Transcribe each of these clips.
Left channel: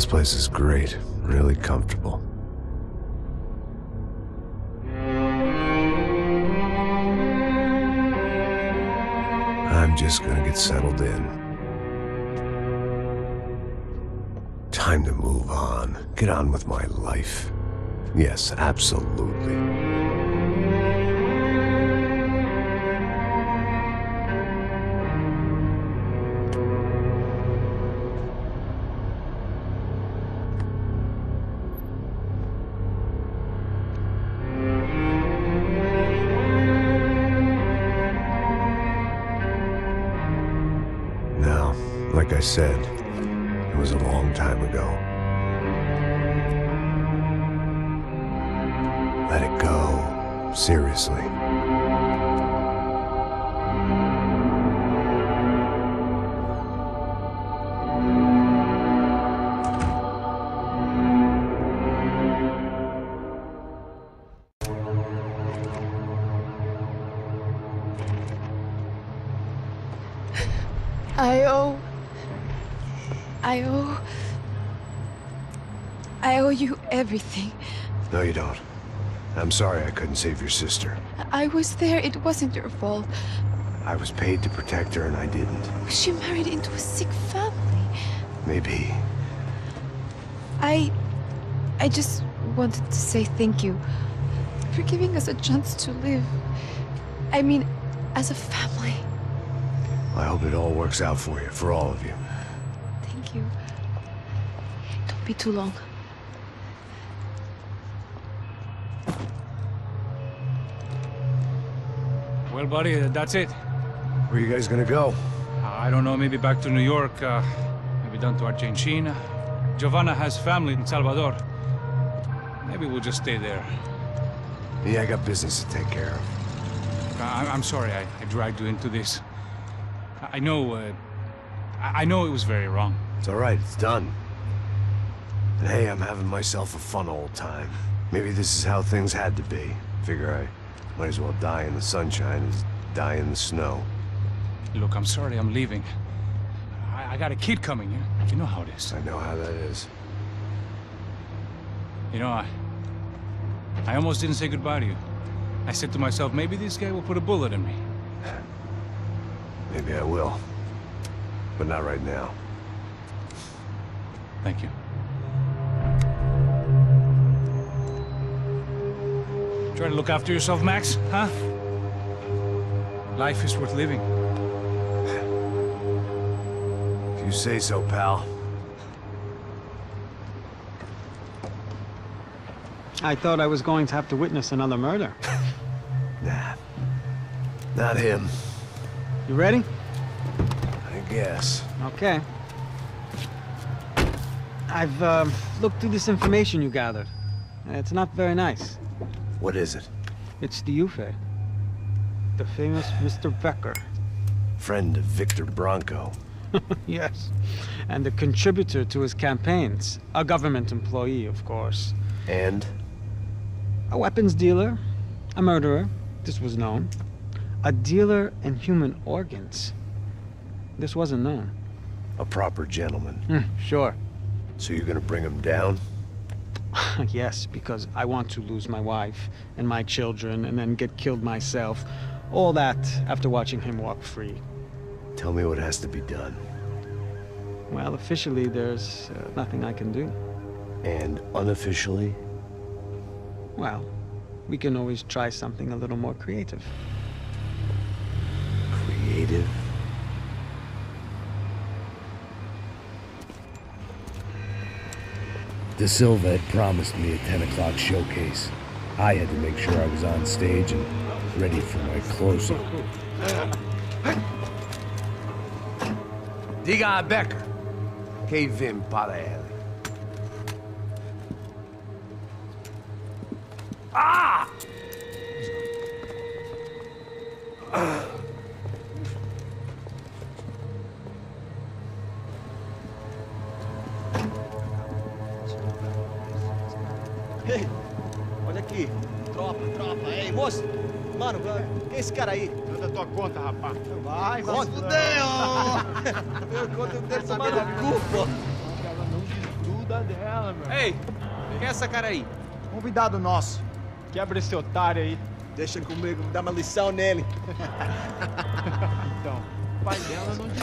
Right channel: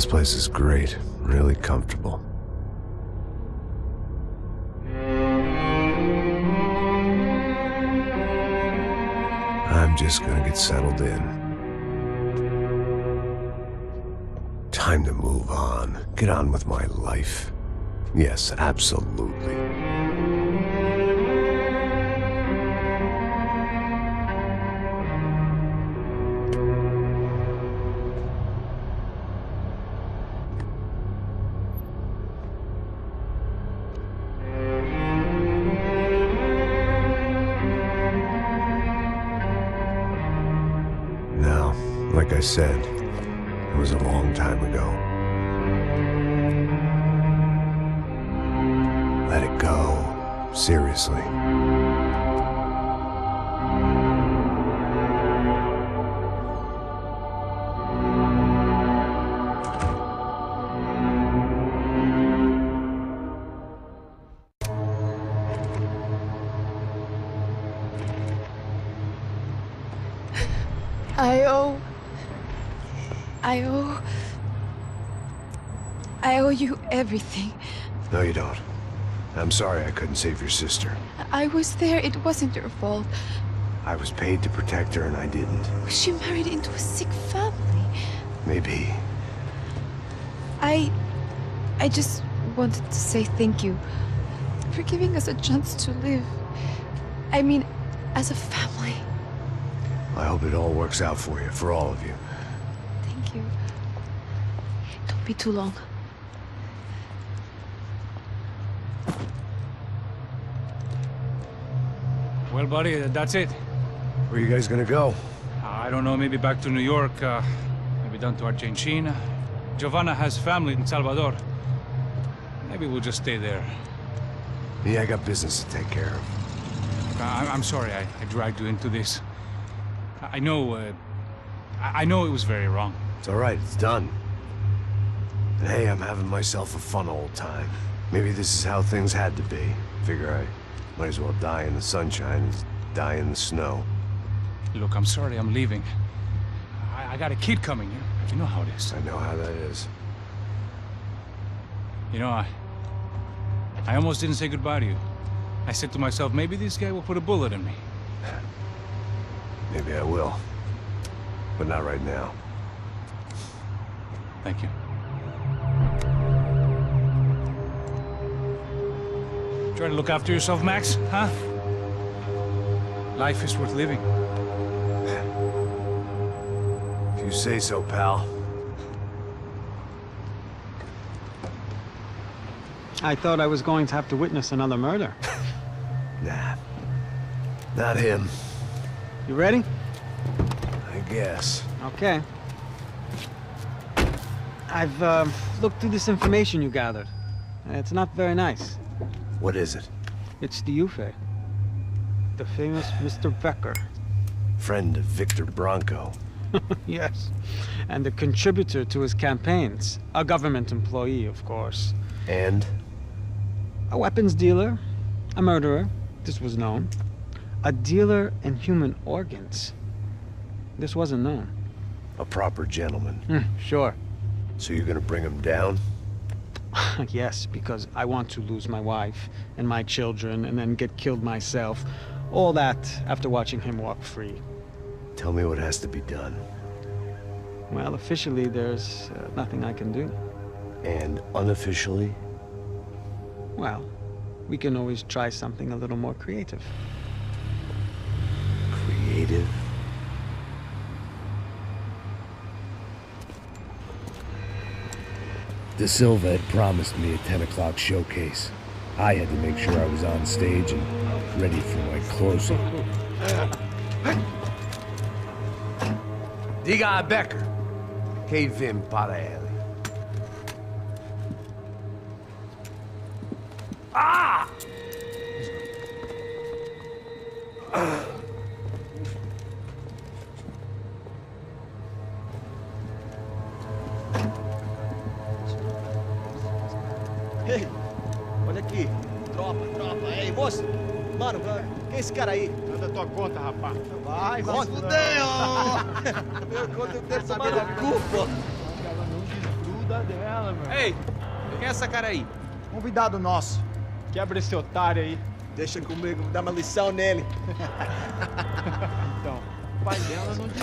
This place is great, really comfortable. I'm just gonna get settled in. Time to move on. Get on with my life. Yes, absolutely. Now, like I said, it was a long time ago. Let it go. Seriously. I owe you everything. No, you don't. I'm sorry I couldn't save your sister. I was there. It wasn't your fault. I was paid to protect her and I didn't. She married into a sick family. Maybe. I just wanted to say thank you for giving us a chance to live. I mean, as a family. I hope it all works out for you, for all of you. Thank you. Don't be too long. Well, buddy, that's it. Where are you guys gonna go? I don't know, maybe back to New York, maybe down to Argentina. Giovanna has family in Salvador. Maybe we'll just stay there. Yeah, I got business to take care of. I'm sorry I dragged you into this. I know it was very wrong. It's all right, it's done. And hey, I'm having myself a fun old time. Maybe this is how things had to be. Figure I might as well die in the sunshine as die in the snow. Look, I'm sorry I'm leaving. I got a kid coming, you know how it is. I know how that is. You know, I almost didn't say goodbye to you. I said to myself, maybe this guy will put a bullet in me. Maybe I will. But not right now. Thank you. Try to look after yourself, Max, huh? Life is worth living. If you say so, pal. I thought I was going to have to witness another murder. Nah. Not him. You ready? I guess. Okay. I've looked through this information you gathered. It's not very nice. What is it? It's the Ufe. The famous Mr. Becker. Friend of Victor Bronco. Yes. And a contributor to his campaigns. A government employee, of course. And? A weapons dealer. A murderer. This was known. A dealer in human organs. This wasn't known. A proper gentleman. Sure. So you're gonna bring him down? Yes, because I want to lose my wife and my children and then get killed myself. All that after watching him walk free. Tell me what has to be done. Well, officially, there's nothing I can do. And unofficially? Well, we can always try something a little more creative. Creative? De Silva had promised me a 10 o'clock showcase. I had to make sure I was on stage and ready for my close-up. Diga a Becker. Que vim para ele. Ah! Ei, olha aqui. Tropa. Ei, moço. Mano, quem é esse cara aí? Manda tua conta, rapaz. Vai se fuder, ó. Meu conta eu quero saber da culpa. Ela não desgruda. cuidar dela, meu. Ei, quem é essa cara aí? Convidado nosso. Quebra esse otário aí. Deixa comigo, vou dar uma lição nele. Então, o pai dela não diz.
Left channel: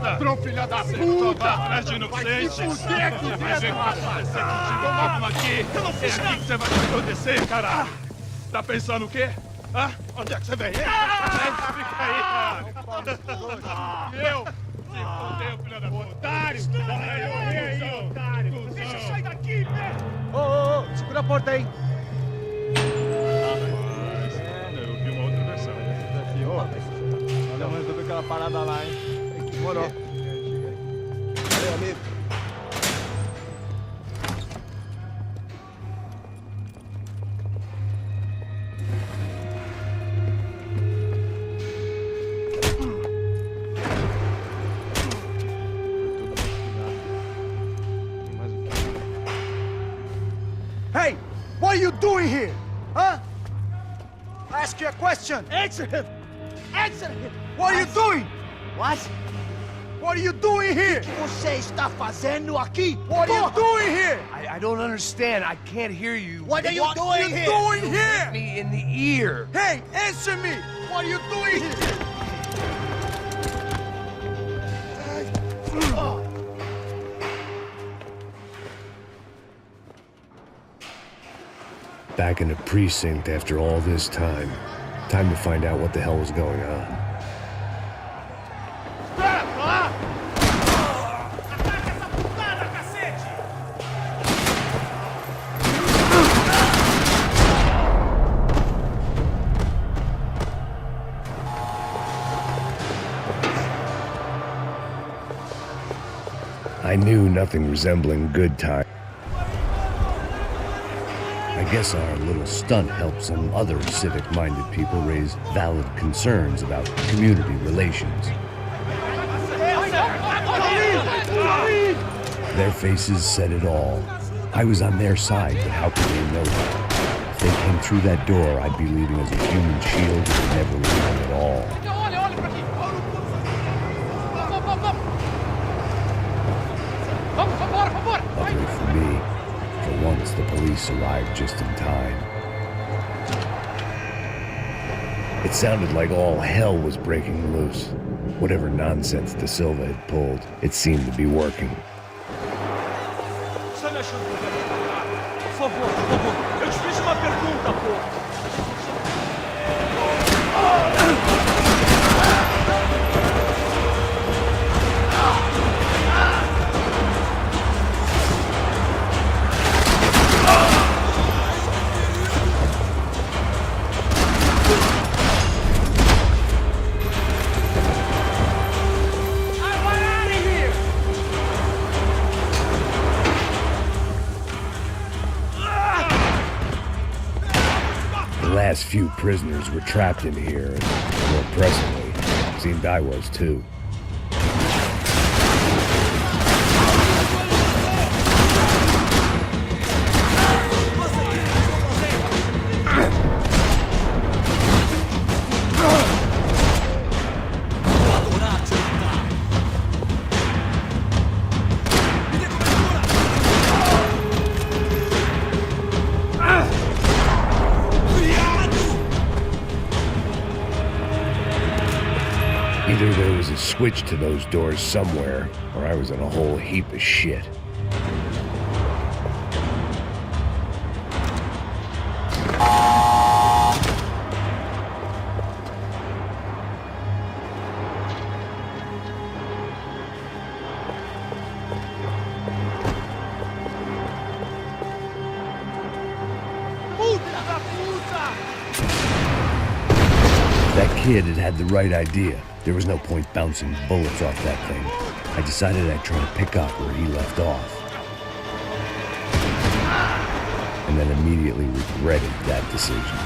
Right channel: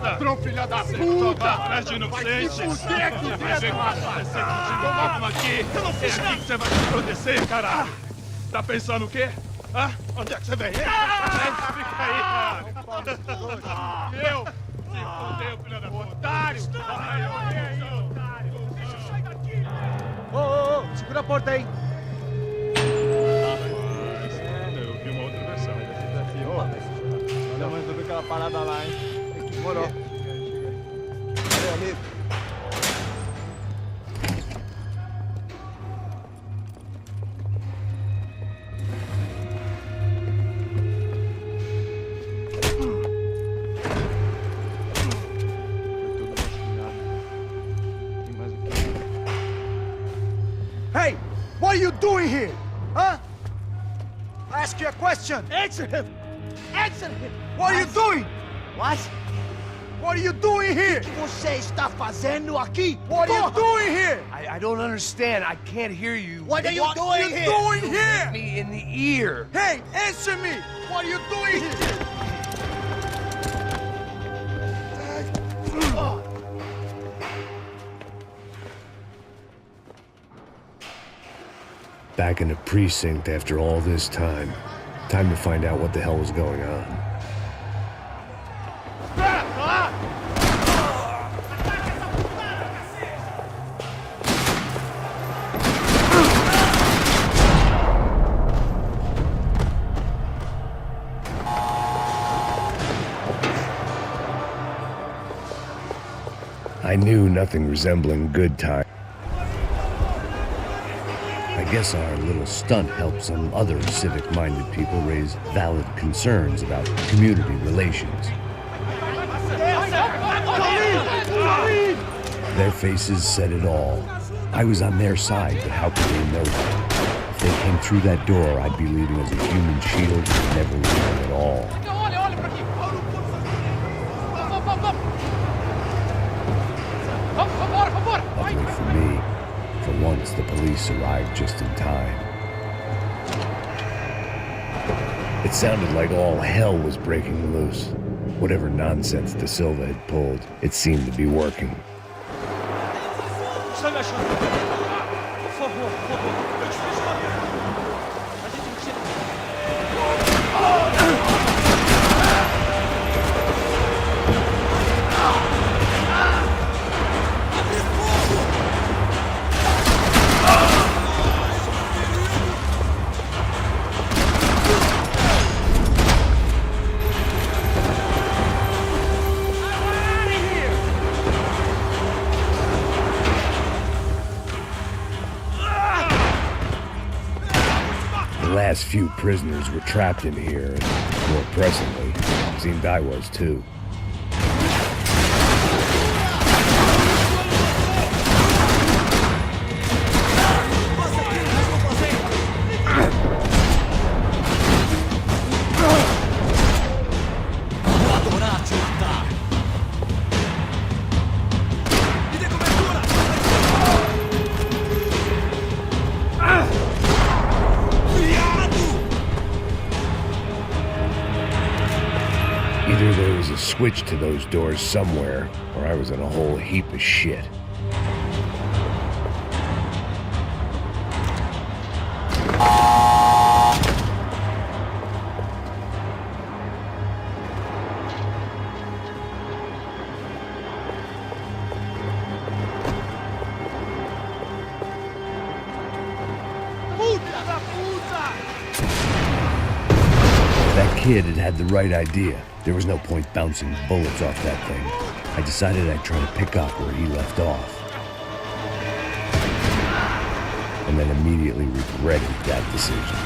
Ladrão, filha da puta! Atrás de inocente! Vai ver o que vai acontecer contigo! Toma aqui! Eu não fiz nada! Que você vai se proteger, caralho! Tá pensando o quê? Hã? Onde é que você vem? Fica aí, caralho! E eu? Se fodeu, filha da puta! Otário! Vai, otário! Deixa eu sair daqui, velho! Ô, segura a porta aí. Eu vi uma outra versão. Vamos resolver aquela parada lá, hein? Demorou. Chega aí. Valeu, amigo. Hey, what are you doing here? Huh? I ask you a question. Answer him. Answer him. What are you doing? What? What are you doing here? O que você está fazendo aqui? What are you doing here? I don't understand. I can't hear you. What are you doing here? Doing here? Me in the ear. Hey, answer me. What are you doing here? Back in the precinct after all this time. Time to find out what the hell was going on. I knew nothing resembling good time. I guess our little stunt helped some other civic-minded people raise valid concerns about community relations. Their faces said it all. I was on their side, but how could they know that? If they came through that door, I'd be leaving as a human shield and never leaving at all. Luckily for me, for once the police arrived just in time. It sounded like all hell was breaking loose. Whatever nonsense De Silva had pulled, it seemed to be working. Por favor, eu te fiz uma pergunta, pô. A gente não tinha... The last few prisoners were trapped in here, and more pressingly, it seemed I was too. Vou adorar te matar. Me dê cobertura! Either there was a switch to those doors somewhere, or I was in a whole heap of shit. That kid had had the right idea. There was no point bouncing bullets off that thing. I decided I'd try to pick up where he left off. And then immediately regretted that decision.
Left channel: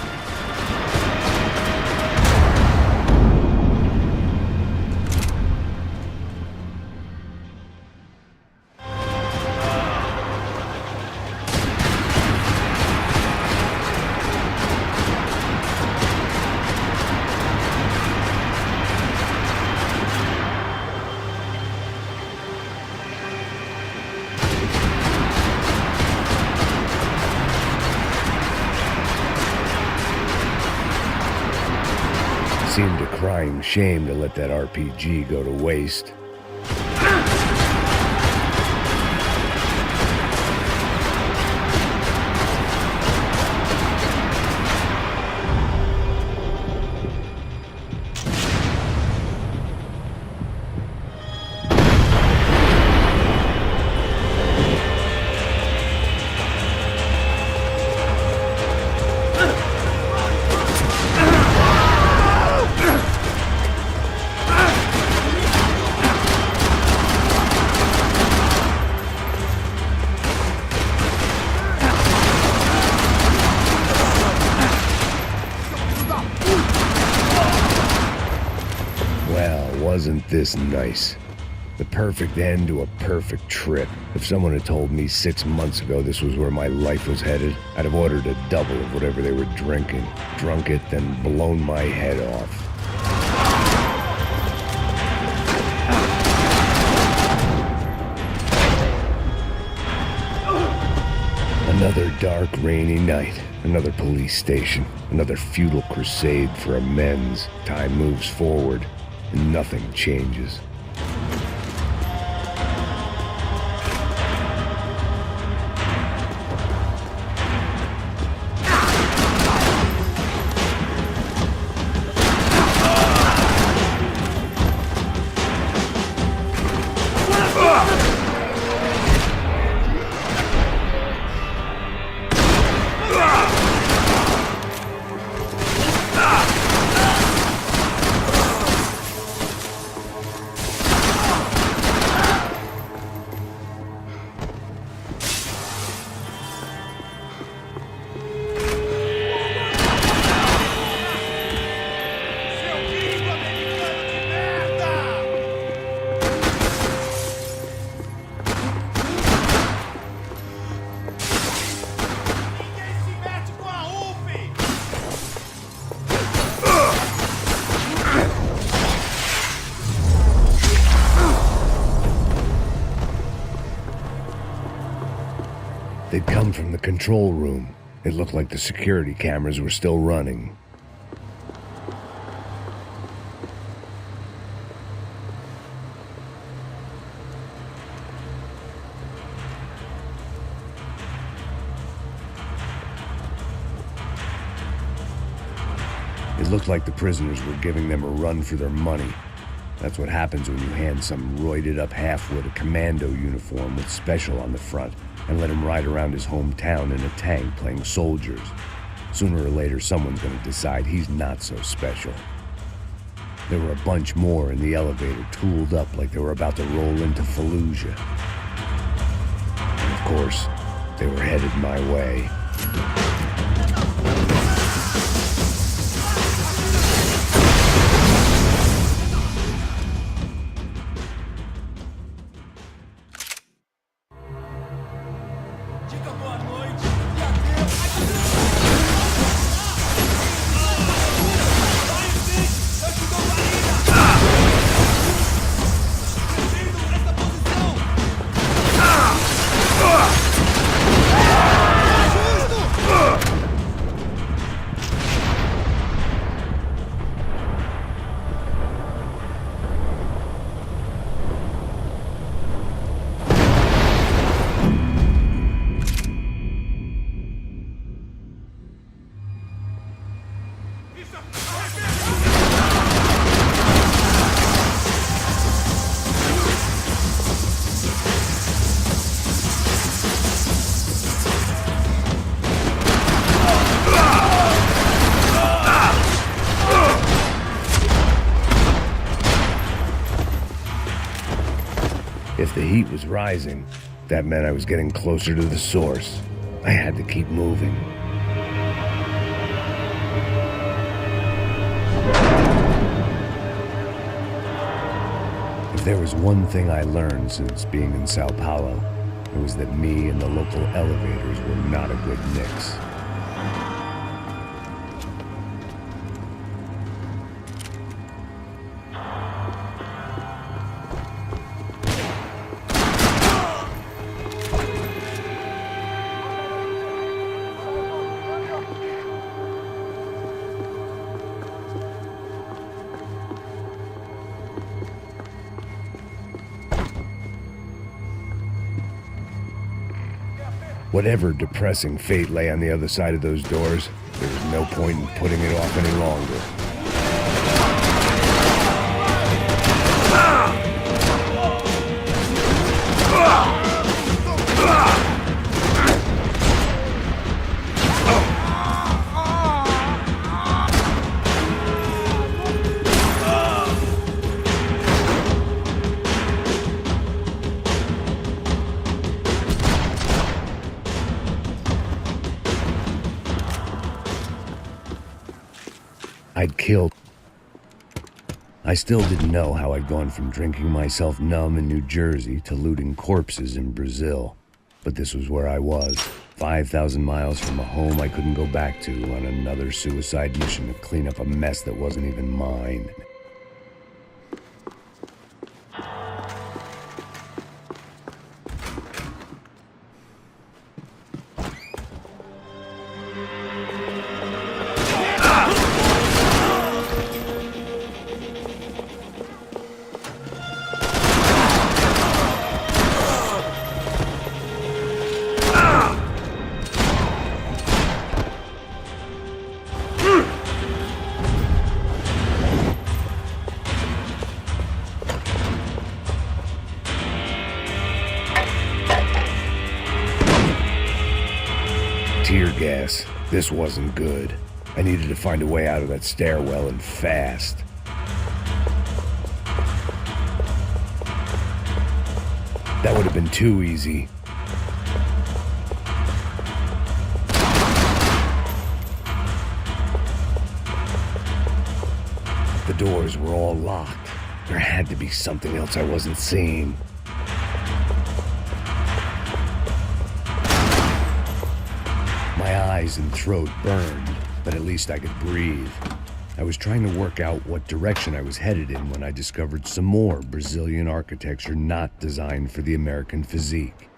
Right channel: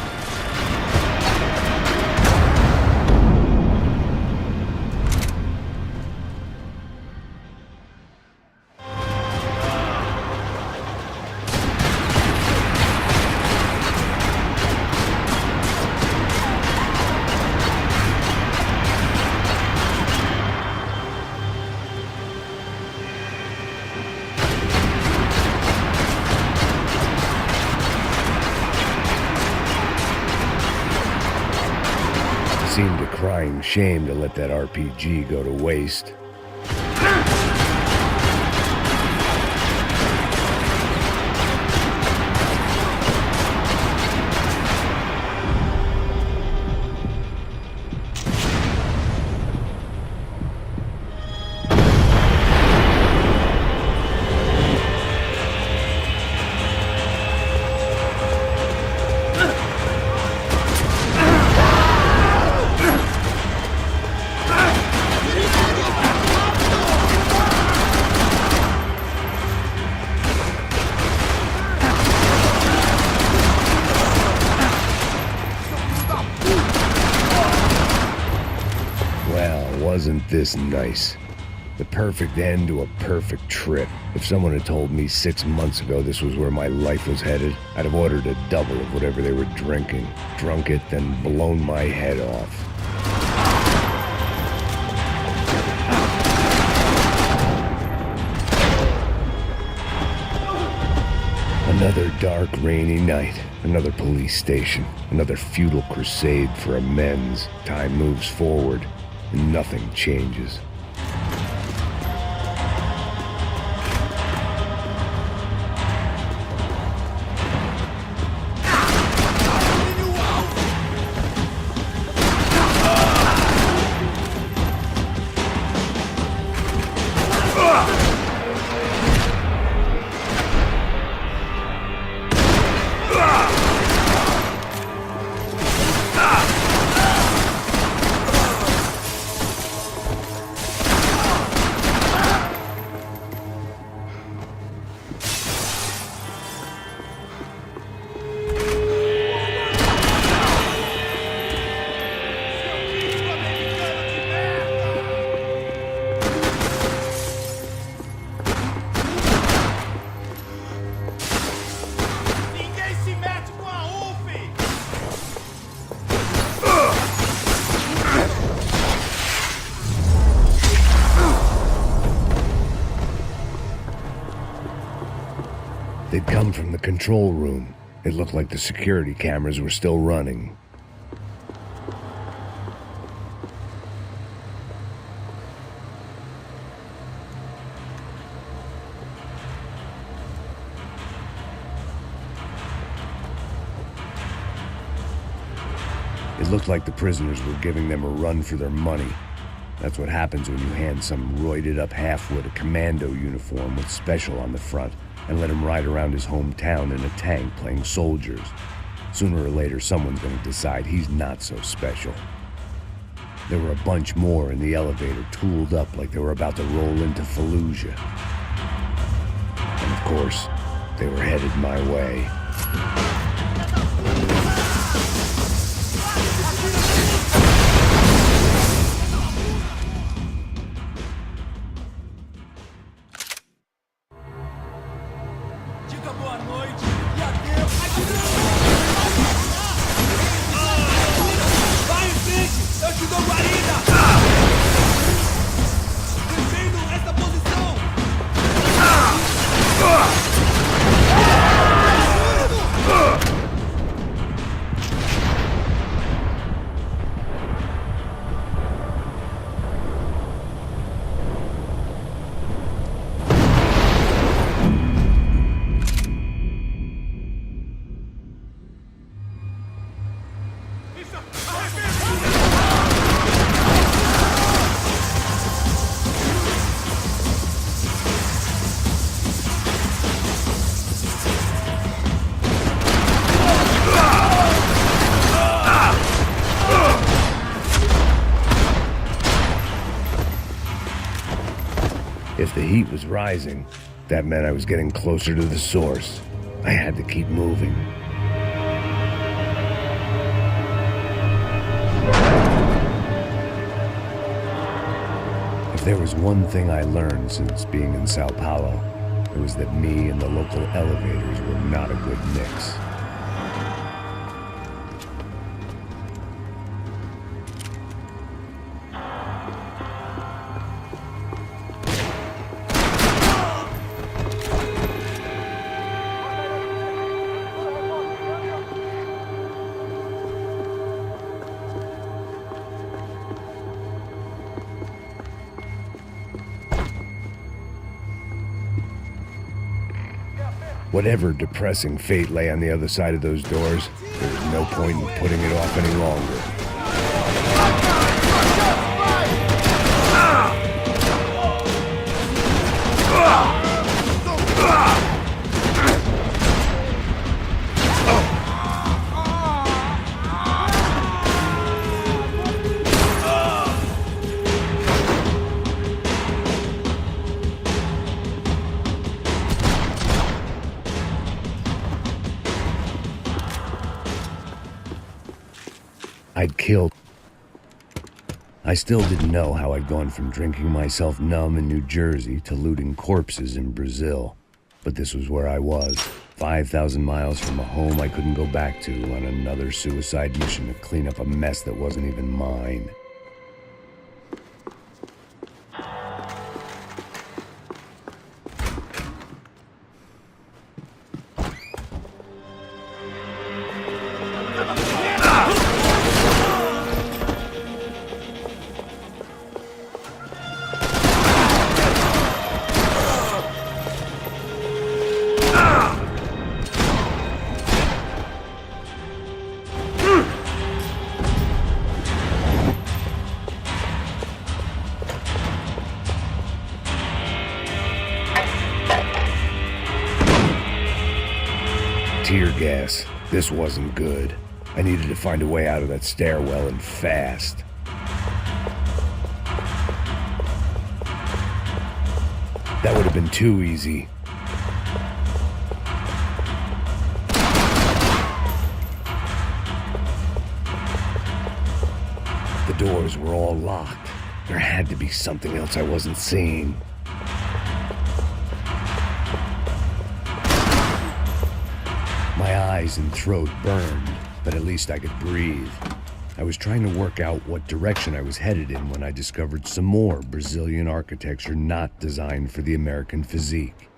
seemed a crying shame to let that RPG go to waste. Well, wasn't this nice? The perfect end to a perfect trip. If someone had told me 6 months ago this was where my life was headed, I'd have ordered a double of whatever they were drinking, drunk it, then blown my head off. Another dark, rainy night. Another police station. Another futile crusade for amends. Time moves forward, and nothing changes. They'd come from the control room. It looked like the security cameras were still running. It looked like the prisoners were giving them a run for their money. That's what happens when you hand some roided-up halfwit a commando uniform with special on the front and let him ride around his hometown in a tank playing soldiers. Sooner or later, someone's gonna decide he's not so special. There were a bunch more in the elevator, tooled up like they were about to roll into Fallujah. And of course, they were headed my way. If the heat was rising, that meant I was getting closer to the source. I had to keep moving. If there was one thing I learned since being in Sao Paulo, it was that me and the local elevators were not a good mix. Whatever depressing fate lay on the other side of those doors, there was no point in putting it off any longer. I'd killed. I still didn't know how I'd gone from drinking myself numb in New Jersey to looting corpses in Brazil. But this was where I was, 5,000 miles from a home I couldn't go back to, on another suicide mission to clean up a mess that wasn't even mine. Tear gas. This wasn't good. I needed to find a way out of that stairwell, and fast. That would have been too easy. The doors were all locked. There had to be something else I wasn't seeing. My eyes and throat burned, but at least I could breathe. I was trying to work out what direction I was headed in when I discovered some more Brazilian architecture not designed for the American physique.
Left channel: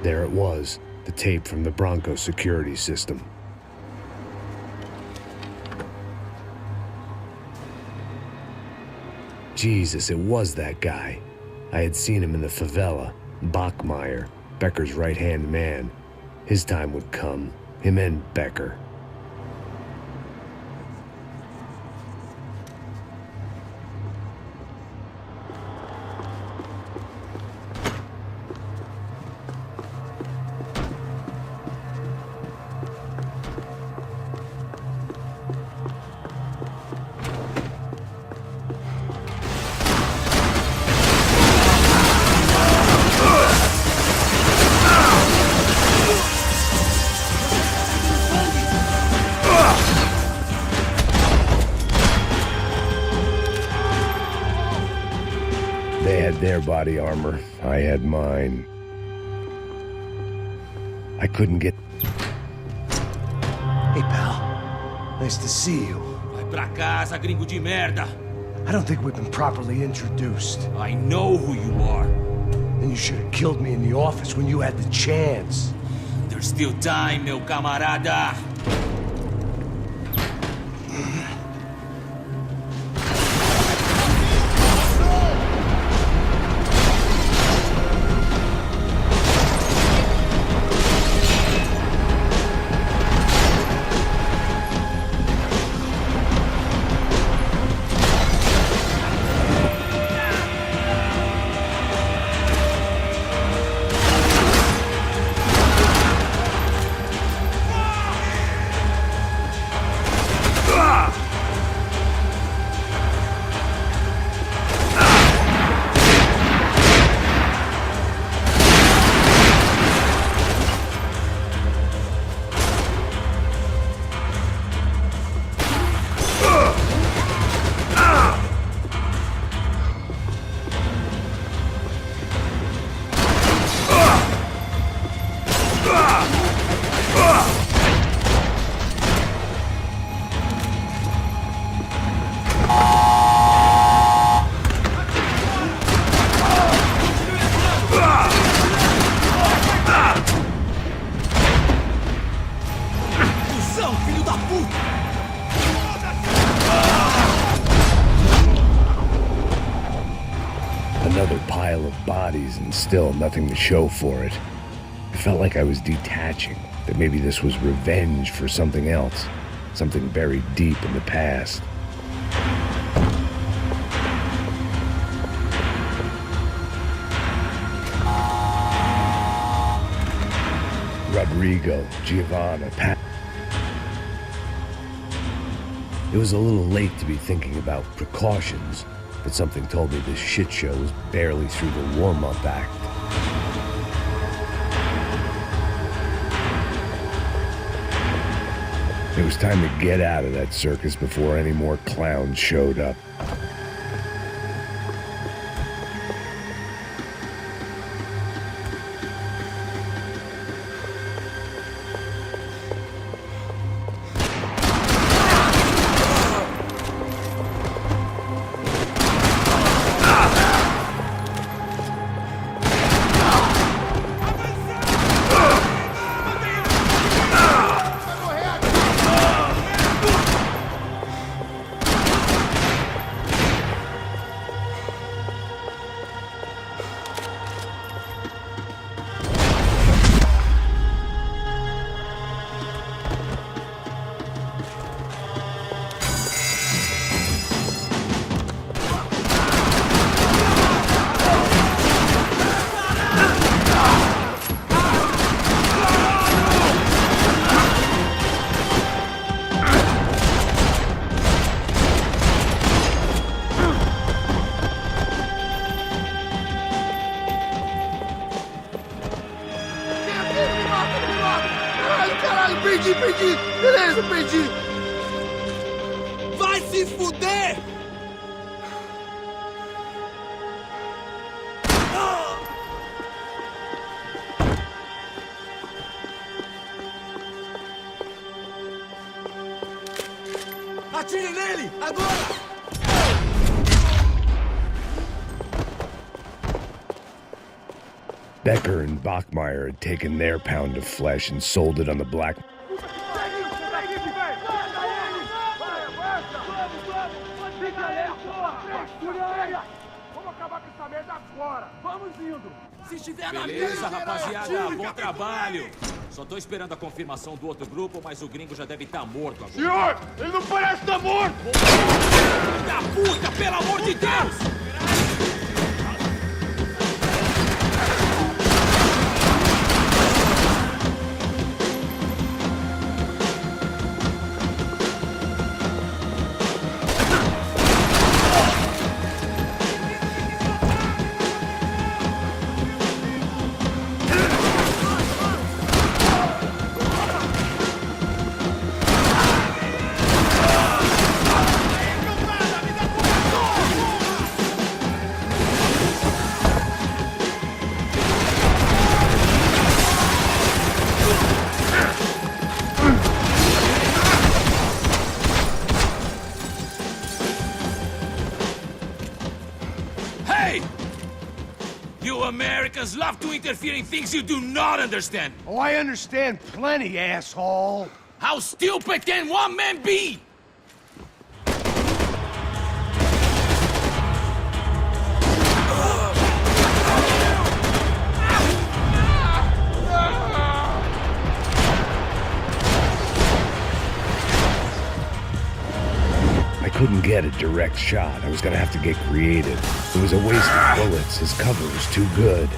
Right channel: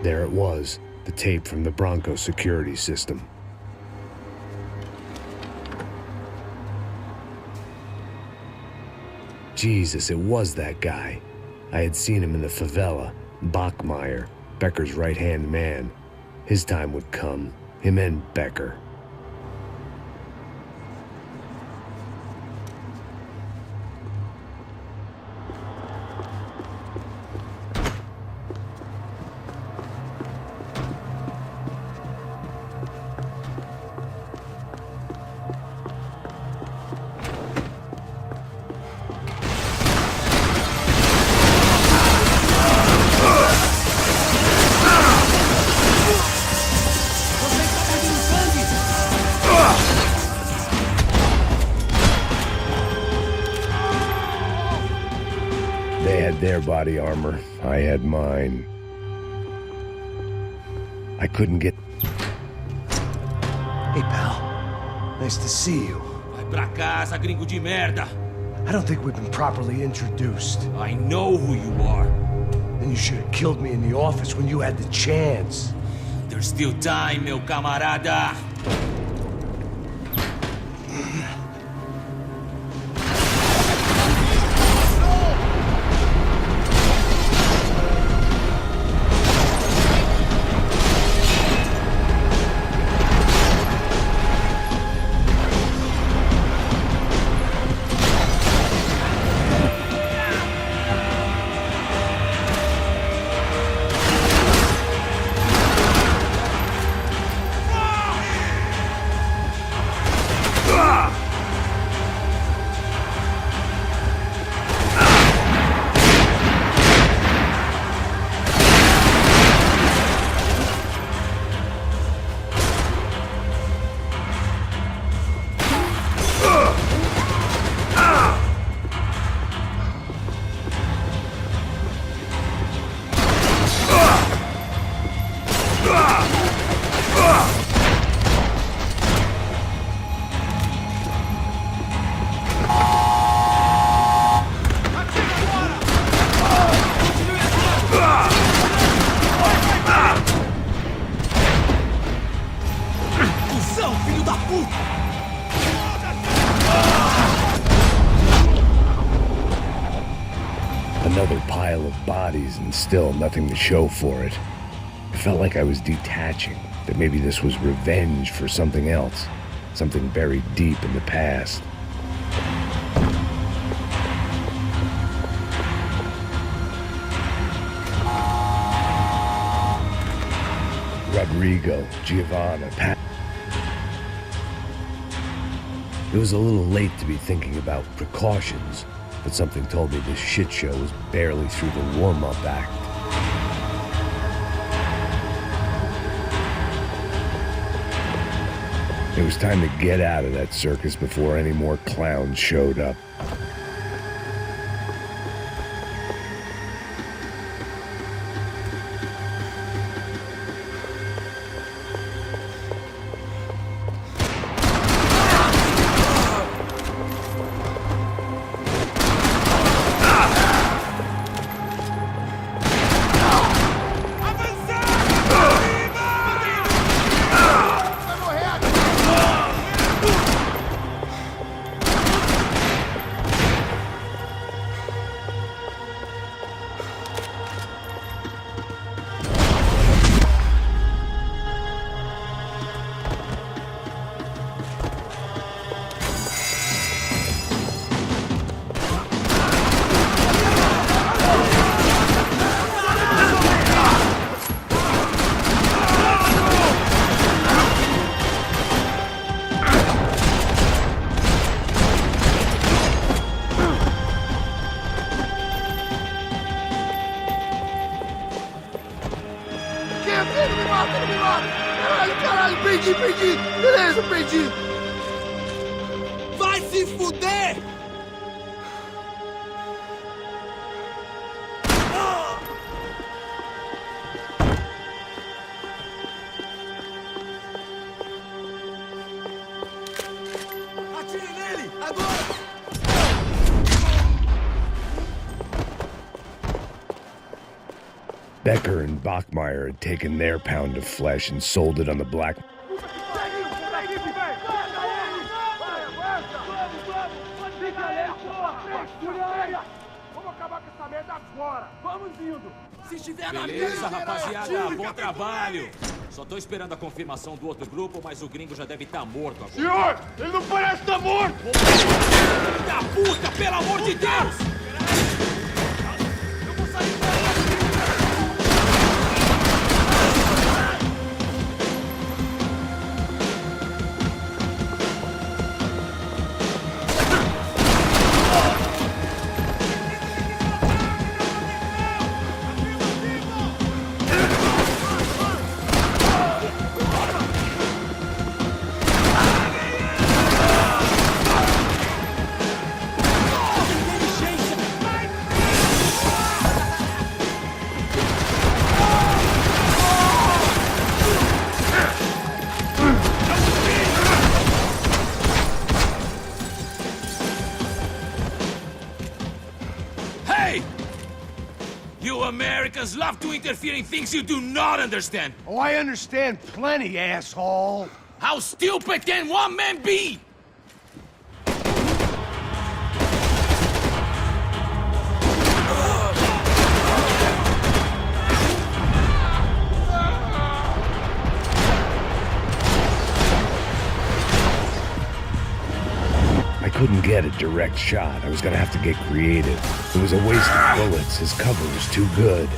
There it was, the tape from the Bronco security system. Jesus, it was that guy. I had seen him in the favela, Bachmeyer, Becker's right-hand man. His time would come, him and Becker. They had their body armor, I had mine. I couldn't get... Hey, pal. Nice to see you. Vai pra casa, gringo de merda! I don't think we've been properly introduced. I know who you are. Then you should have killed me in the office when you had the chance. There's still time, meu camarada! Another pile of bodies and still nothing to show for it. I felt like I was detaching, that maybe this was revenge for something else, something buried deep in the past. Rodrigo, Giovanna, Pat. It was a little late to be thinking about precautions, but something told me this shit show was barely through the warm-up act. It was time to get out of that circus before any more clowns showed up. Beleza, perdi! Vai se fuder! Atire nele! Agora! Becker and Bachmeyer had taken their pound of flesh and sold it on the black. Se estiver na beleza, rapaziada, bom trabalho. Só tô esperando a confirmação do outro grupo, mas o gringo já deve estar morto agora. Senhor, ele não parece estar morto! Filho da puta, pelo amor de Deus! You Americans love to interfere in things you do not understand. Oh, I understand plenty, asshole. How stupid can one man be? I couldn't get a direct shot. I was gonna have to get creative. It was a waste of bullets. His cover was too good.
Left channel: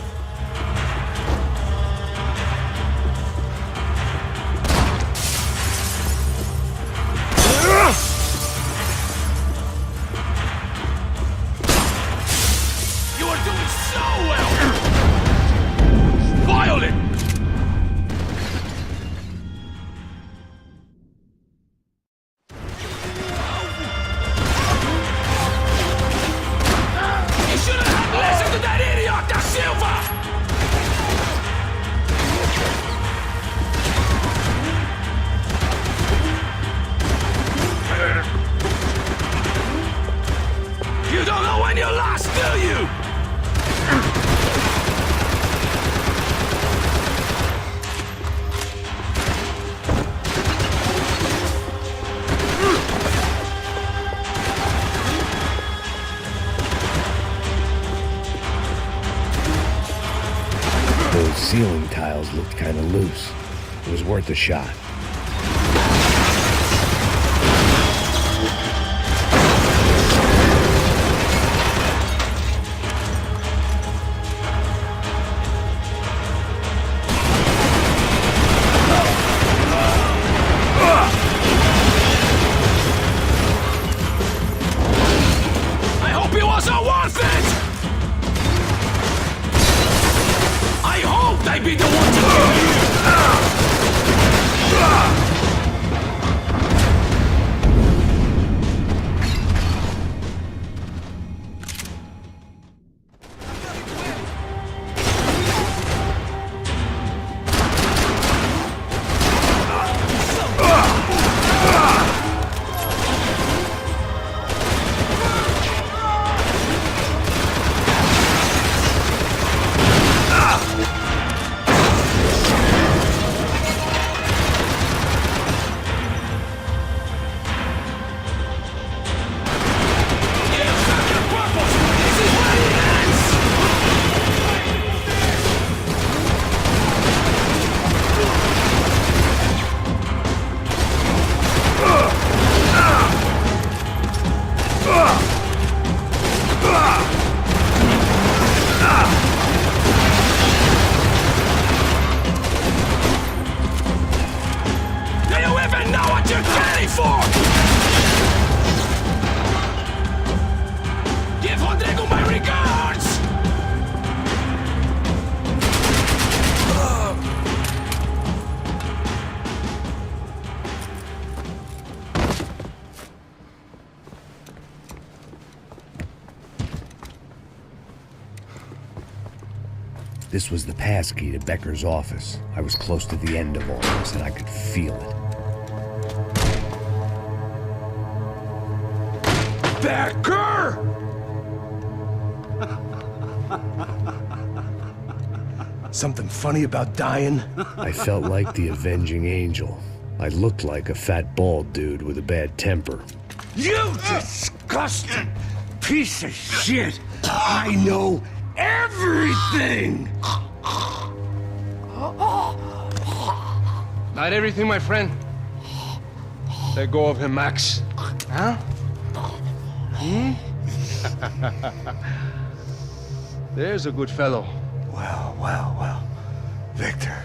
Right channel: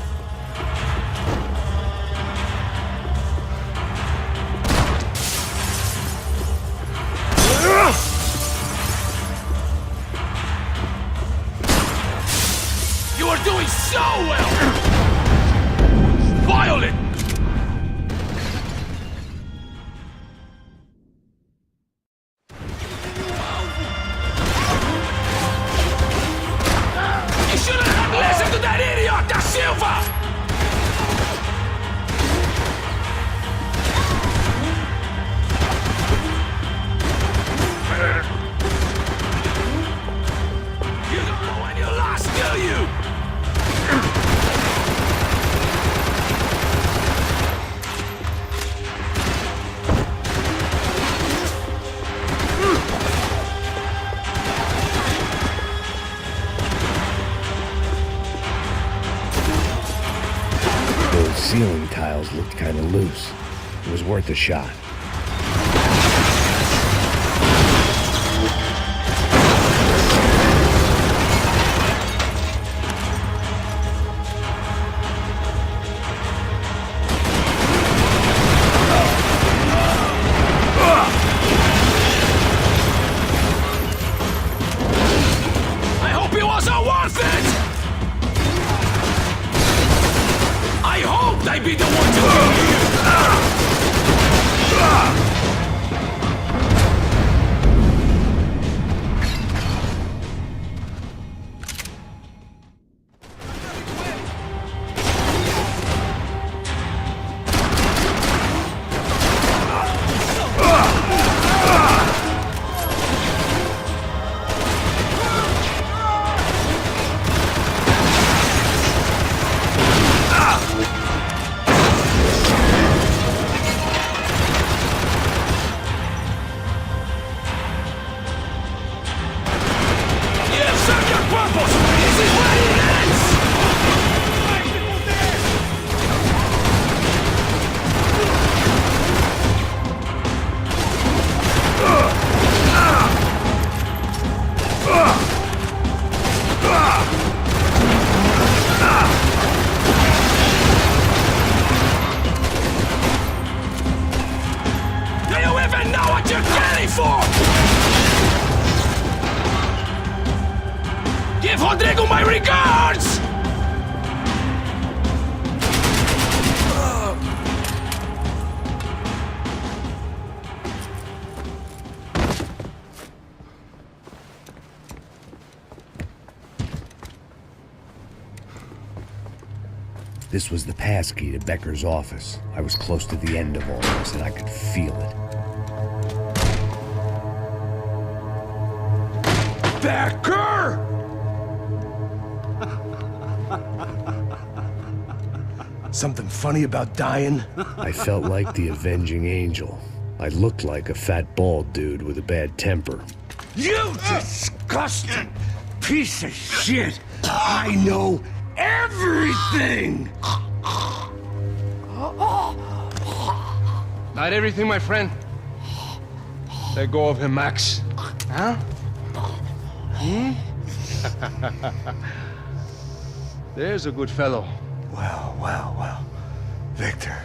You're doing so well! You shouldn't have listened to that idiot, Da Silva! You don't know when you lost, do you? Those ceiling tiles looked kind of loose. It was worth a shot. I hope it wasn't worth it! I hoped I'd be the one to kill you! Purpose! This is where it ends! Do you even know what you're getting for? Give Rodrigo my regards! This was the passkey to Becker's office. I was close to the end of all this, and I could feel it. Becker! Something funny about dying? I felt like the avenging angel. I looked like a fat bald dude with a bad temper. You disgusting piece of shit! I know everything! Not everything, my friend. Let go of him, Max. Huh? There's a good fellow. Well. Victor,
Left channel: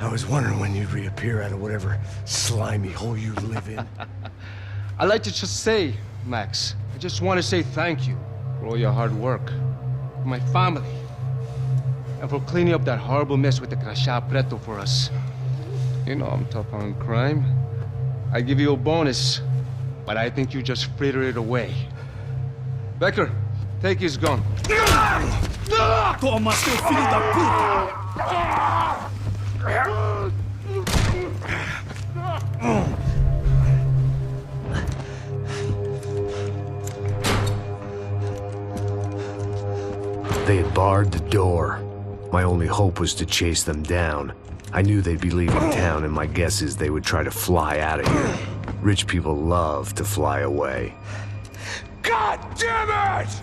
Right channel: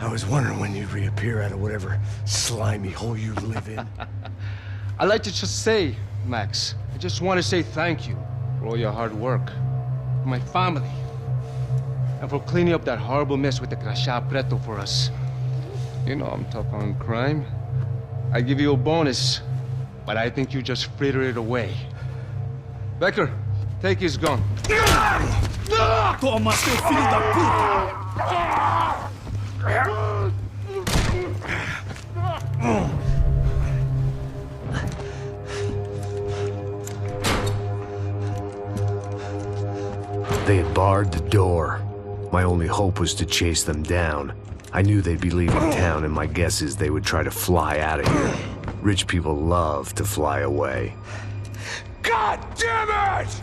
I was wondering when you'd reappear out of whatever slimy hole you live in. I'd like to just say, Max, I just want to say thank you for all your hard work, for my family, and for cleaning up that horrible mess with the TheClutchCartel for us. You know I'm tough on crime. I give you a bonus, but I think you just frittered it away. Becker, take his gun. Toma, seu filho da puta! They had barred the door. My only hope was to chase them down. I knew they'd be leaving town, and my guess is they would try to fly out of here. Rich people love to fly away. God damn it!